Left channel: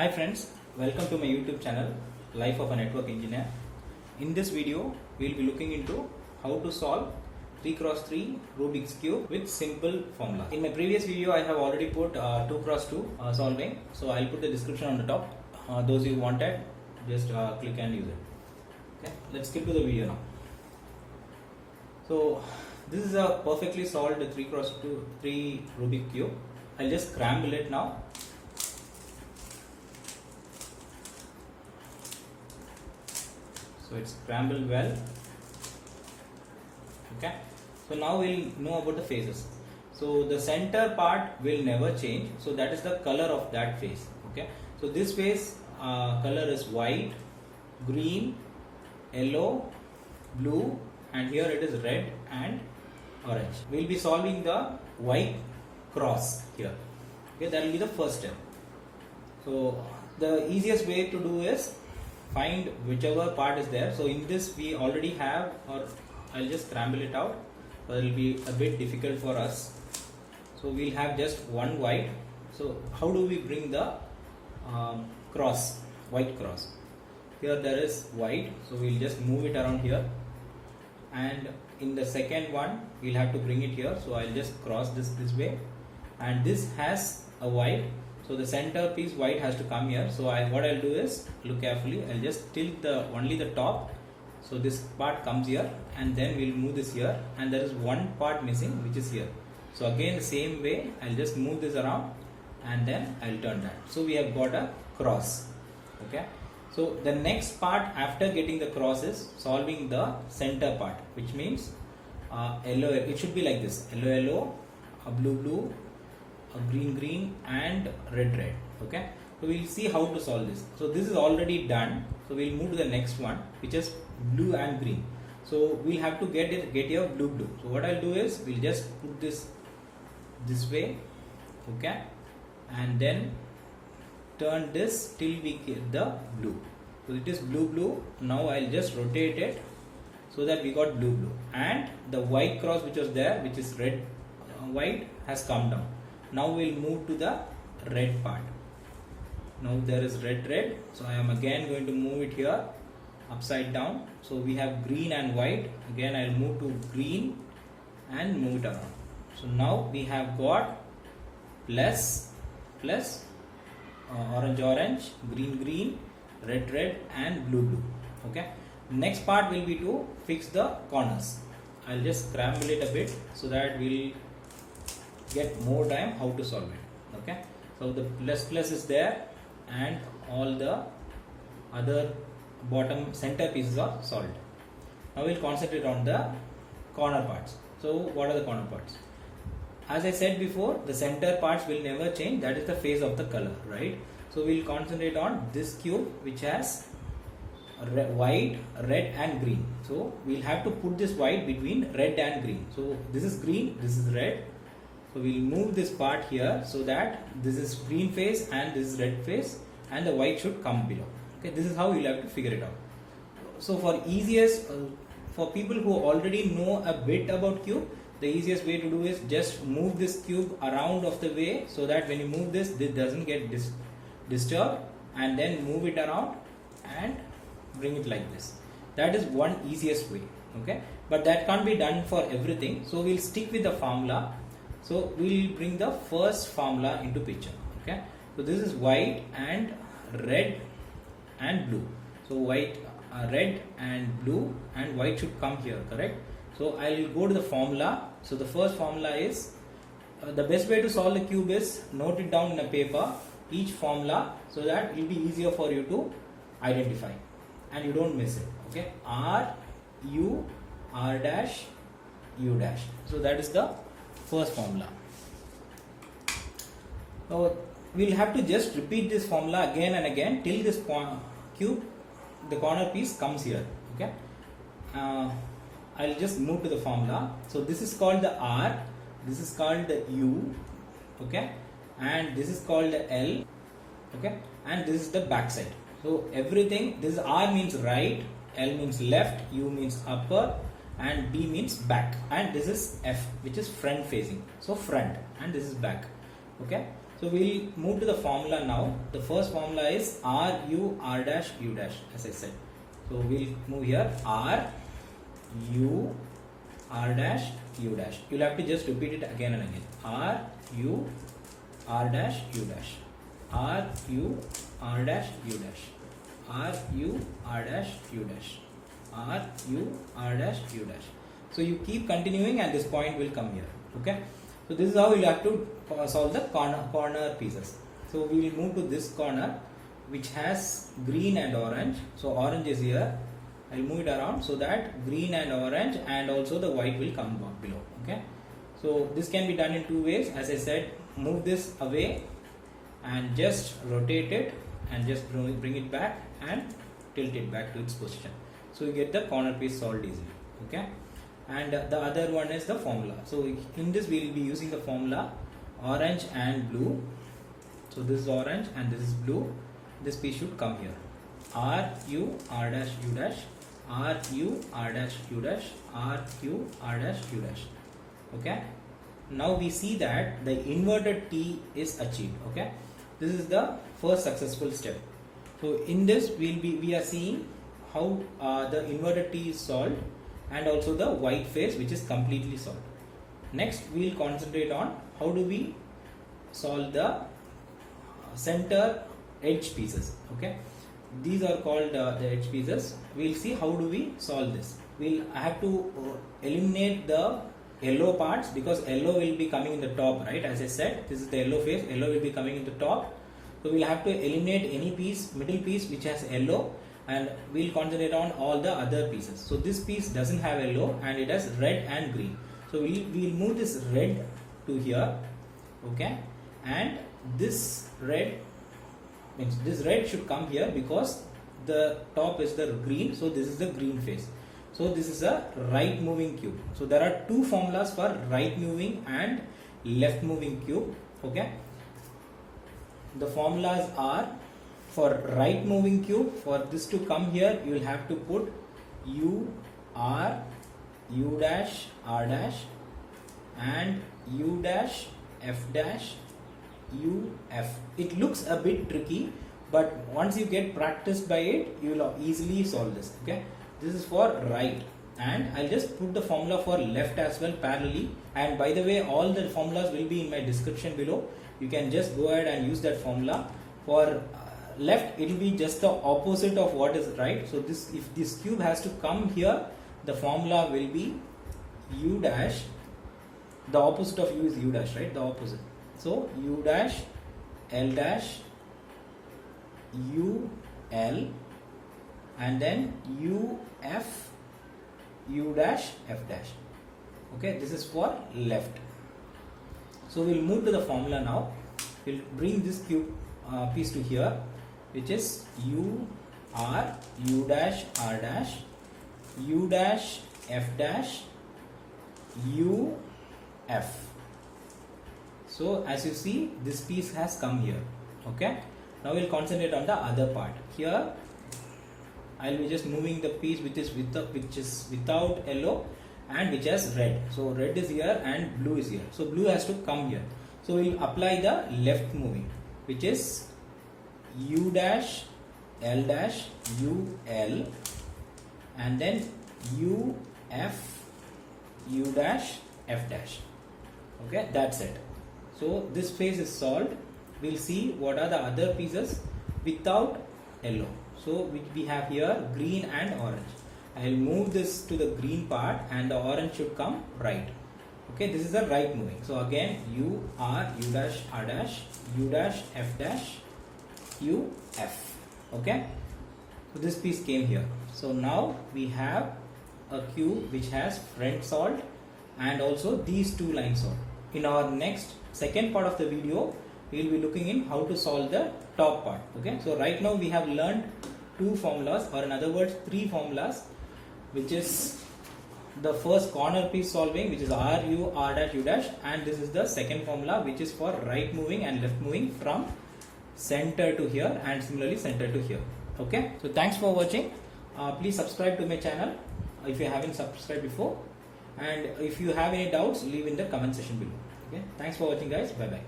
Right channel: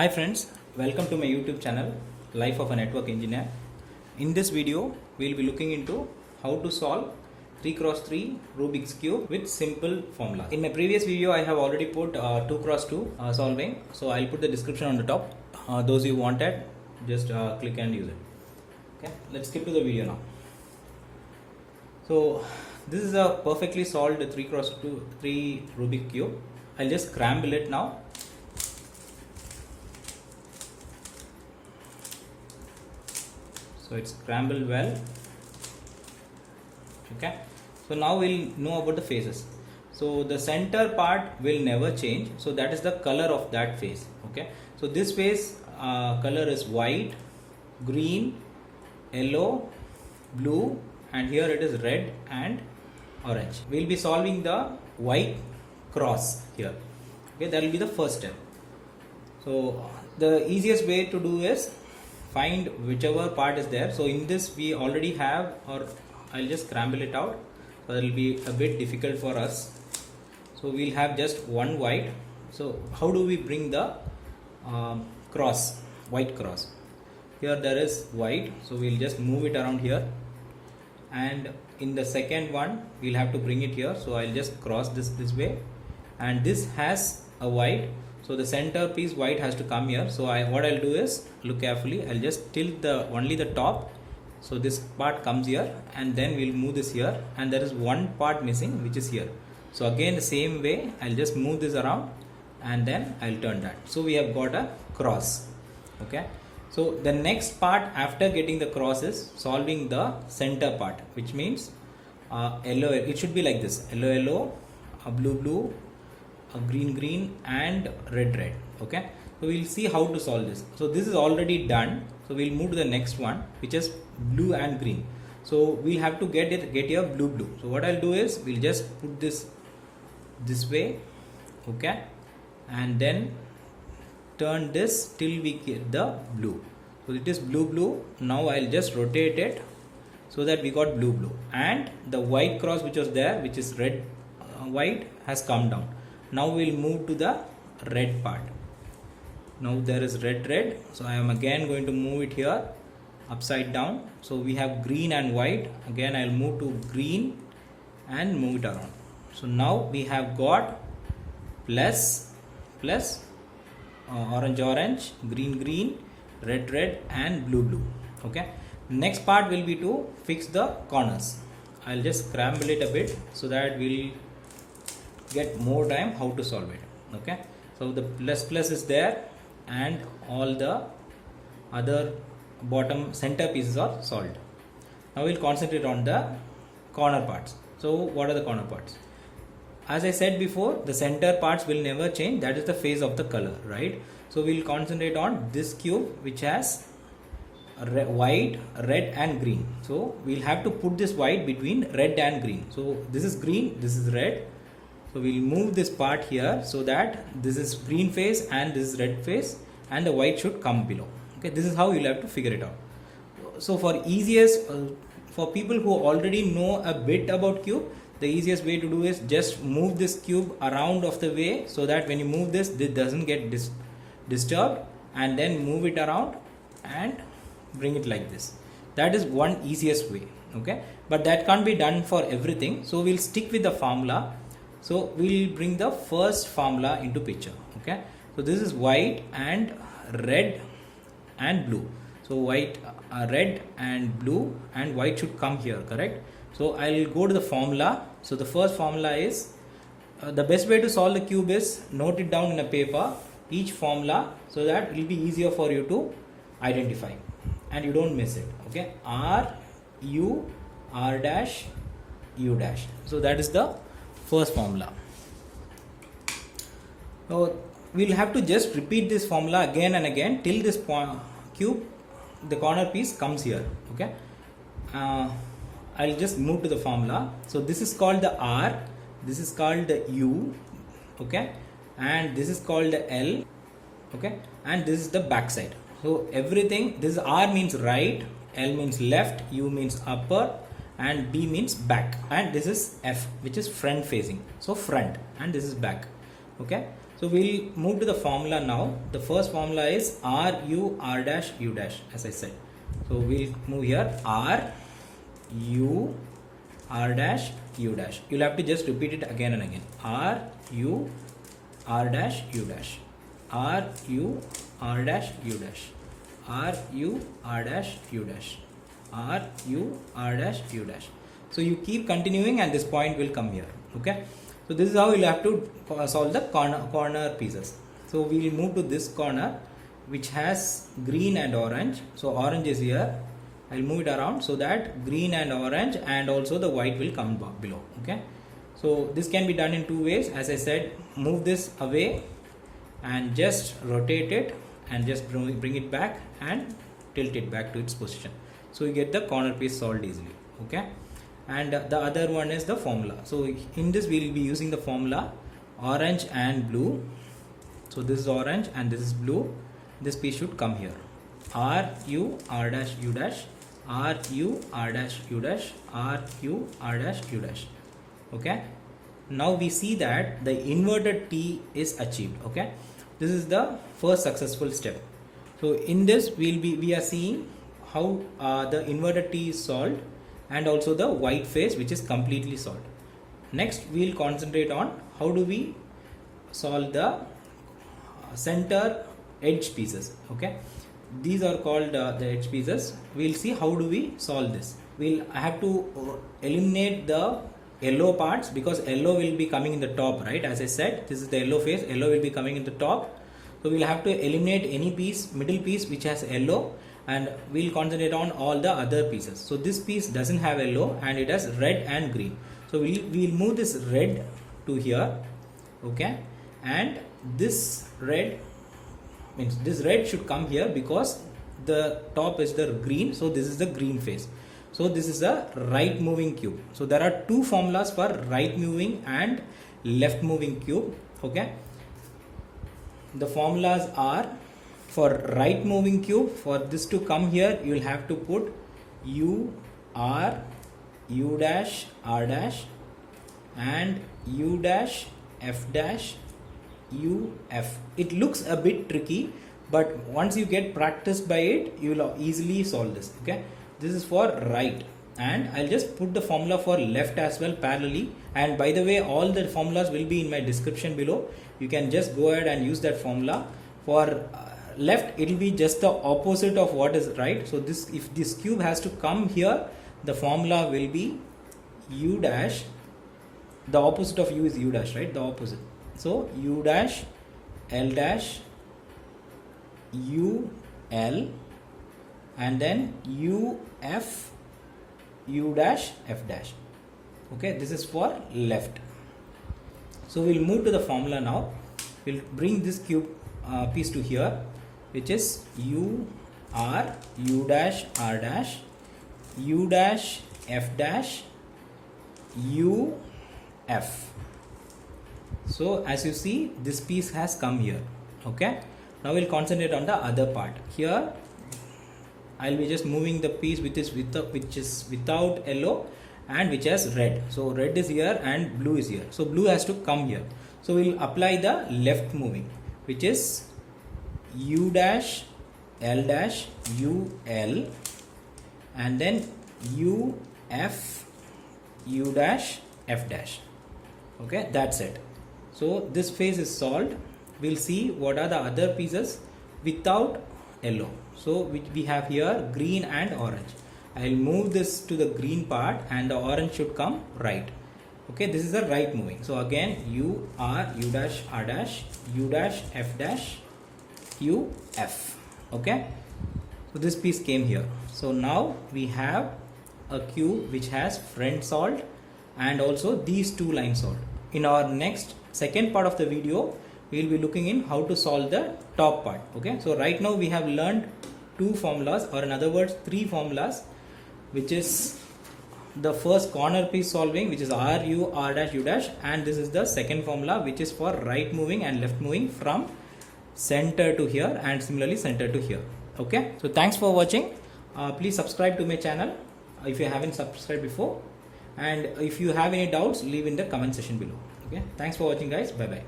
Hi friends, welcome to my YouTube channel Life of a Network Engineer. In this video, we will be looking into how to solve 3x3 Rubik's Cube with simple formula. In my previous video, I have already put 2x2 solving, so I'll put the description on the top. Those you wanted, just click and use it. Okay, let's skip to the video now. So this is a perfectly solved 3x3 Rubik's Cube. I'll just scramble it now. So it's scrambled well. Okay, so now we'll know about the phases. So the center part will never change, so that is the color of that phase. Okay, so this phase color is white, green, yellow, blue, and here it is red and orange. We'll be solving the white cross here. Okay, that will be the first step. So the easiest way to do is find whichever part is there. So in this we already have, or I'll just scramble it out, so it will be a bit difficult for us. So we'll have just one white. So how do we bring the cross, white cross? Here there is white, so we'll just move it around here, and in the second one we'll have to bring it here. So I'll just cross this way, and this has a white, so the center piece white has to come here. So what I'll do is, look carefully, I'll just tilt only the top, so this part comes here, and then we'll move this here, and there is one part missing which is here. So again the same way I'll just move this around, and then I'll turn that. So we have got a cross. Okay, so the next part after getting the cross is solving the center part, which means yellow, it should be like this: yellow yellow, a blue blue, a green green, and red red. Okay, so we'll see how to solve this. So this is already done, so we'll move to the next one, which is blue and green. So we'll have to get here blue blue. So what I'll do is, we'll just put this way, okay, and then turn this till we get the blue. So it is blue blue. Now I'll just rotate it so that we got blue blue, and the white cross which was there, which is red white, has come down. Now we'll move to the red part. Now there is red red, so I am again going to move it here upside down. So we have green and white. Again I'll move to green and move it around. So now we have got plus orange orange, green green, red red, and blue blue. Okay, next part will be to fix the corners. I'll just scramble it a bit so that we'll get more time how to solve it. Okay, so the plus is there, and all the other bottom center pieces are solved. Now we'll concentrate on the corner parts. So what are the corner parts? As I said before, the center parts will never change. That is the phase of the color, right? So we'll concentrate on this cube which has white, red, and green. So we'll have to put this white between red and green. So this is green, this is red. So we'll move this part here so that this is green phase and this is red phase, and the white should come below. Okay, this is how you'll have to figure it out. So for easiest, for people who already know a bit about cube, the easiest way to do is just move this cube around of the way, so that when you move this doesn't get disturbed, and then move it around and bring it like this. That is one easiest way. Okay, but that can't be done for everything, so we'll stick with the formula. So we'll bring the first formula into picture. Okay, so this is white and red and blue. So white, red and blue, and white should come here, correct? So I'll go to the formula. So the first formula is, the best way to solve the cube is note it down in a paper, each formula, so that it will be easier for you to identify and you don't miss it. Okay, R U R dash U dash. So that is the first formula. Now we'll have to just repeat this formula again and again till this cube, the corner piece, comes here. Okay, I'll just move to the formula. So this is called the R, this is called the U, okay, and this is called the L, okay, and this is the back side. So everything, this R means right, L means left, U means upper, and B means back, and this is F, which is front facing. So front, and this is back. Okay, So we'll move to the formula now. The first formula is R U R dash U dash, as I said. So we'll move here R U R dash U dash. You'll have to just repeat it again and again. R U R dash U dash. R U R dash U dash. R U R dash U dash. R U R dash U dash. So you keep continuing and this point will come here. Okay. So this is how you'll have to solve the corner pieces. So we will move to this corner which has green and orange. So orange is here. I'll move it around so that green and orange and also the white will come below. Okay. So this can be done in two ways. As I said, move this away and just rotate it and just bring it back and tilt it back to its position. So you get the corner piece solved easily. Okay. And the other one is the formula. So in this we will be using the formula orange and blue. So this is orange and this is blue. This piece should come here. R U R dash U dash. R U R dash U dash. R U R dash U dash. Okay. Now we see that the inverted T is achieved. Okay. This is the first successful step. So in this we are seeing how the inverted T is solved, and also the white face which is completely solved. Next we will concentrate on how do we solve the center edge pieces. Okay, these are called the edge pieces. We will see how do we solve this. We'll have to eliminate the yellow parts because yellow will be coming in the top, right? As I said, this is the yellow face, yellow will be coming in the top. So we'll have to eliminate any piece, middle piece which has yellow, and we'll concentrate on all the other pieces. So this piece doesn't have yellow and it has red and green. So we'll move this red to here. Okay, and this red means this red should come here because the top is the green. So this is the green face. So this is a right moving cube. So there are two formulas for right moving and left moving cube. Okay, the formulas are, for right moving cube, for this to come here you will have to put U R U dash R dash and U dash F dash U F. It looks a bit tricky, but once you get practiced by it you will easily solve this. Okay, this is for right, and I'll just put the formula for left as well parallelly. And by the way, all the formulas will be in my description below. You can just go ahead and use that formula. For left it will be just the opposite of what is right. So this, if this cube has to come here, the formula will be U dash. The opposite of U is U dash, right? The opposite. So U dash L dash U L and then U F U dash F dash. Okay, this is for left. So we'll move to the formula now. We'll bring this cube piece to here, which is U R U dash R dash U dash F dash U F. So as you see, this piece has come here. Okay, now we'll concentrate on the other part. Here I'll be just moving the piece which is without yellow and which has red. So red is here and blue is here. So blue has to come here. So we'll apply the left moving, which is U dash L dash U L and then U F U dash F dash. Okay, that's it. So this phase is solved. We'll see what are the other pieces without yellow. So we have here green and orange. I'll move this to the green part and the orange should come right. Okay, this is the right moving. So again U R U dash R dash U dash F dash U F. Okay, so this piece came here. So now we have a cube which has front solved and also these two lines solved. In our next second part of the video, we will be looking in how to solve the top part. Okay, so right now we have learned two formulas, or in other words three formulas, which is the first corner piece solving, which is R U R dash U dash, and this is the second formula which is for right moving and left moving from center to here and similarly center to here. Okay, so thanks for watching. Please subscribe to my channel if you haven't subscribed before, and if you have any doubts, leave in the comment section below. Okay, thanks for watching guys. Bye bye.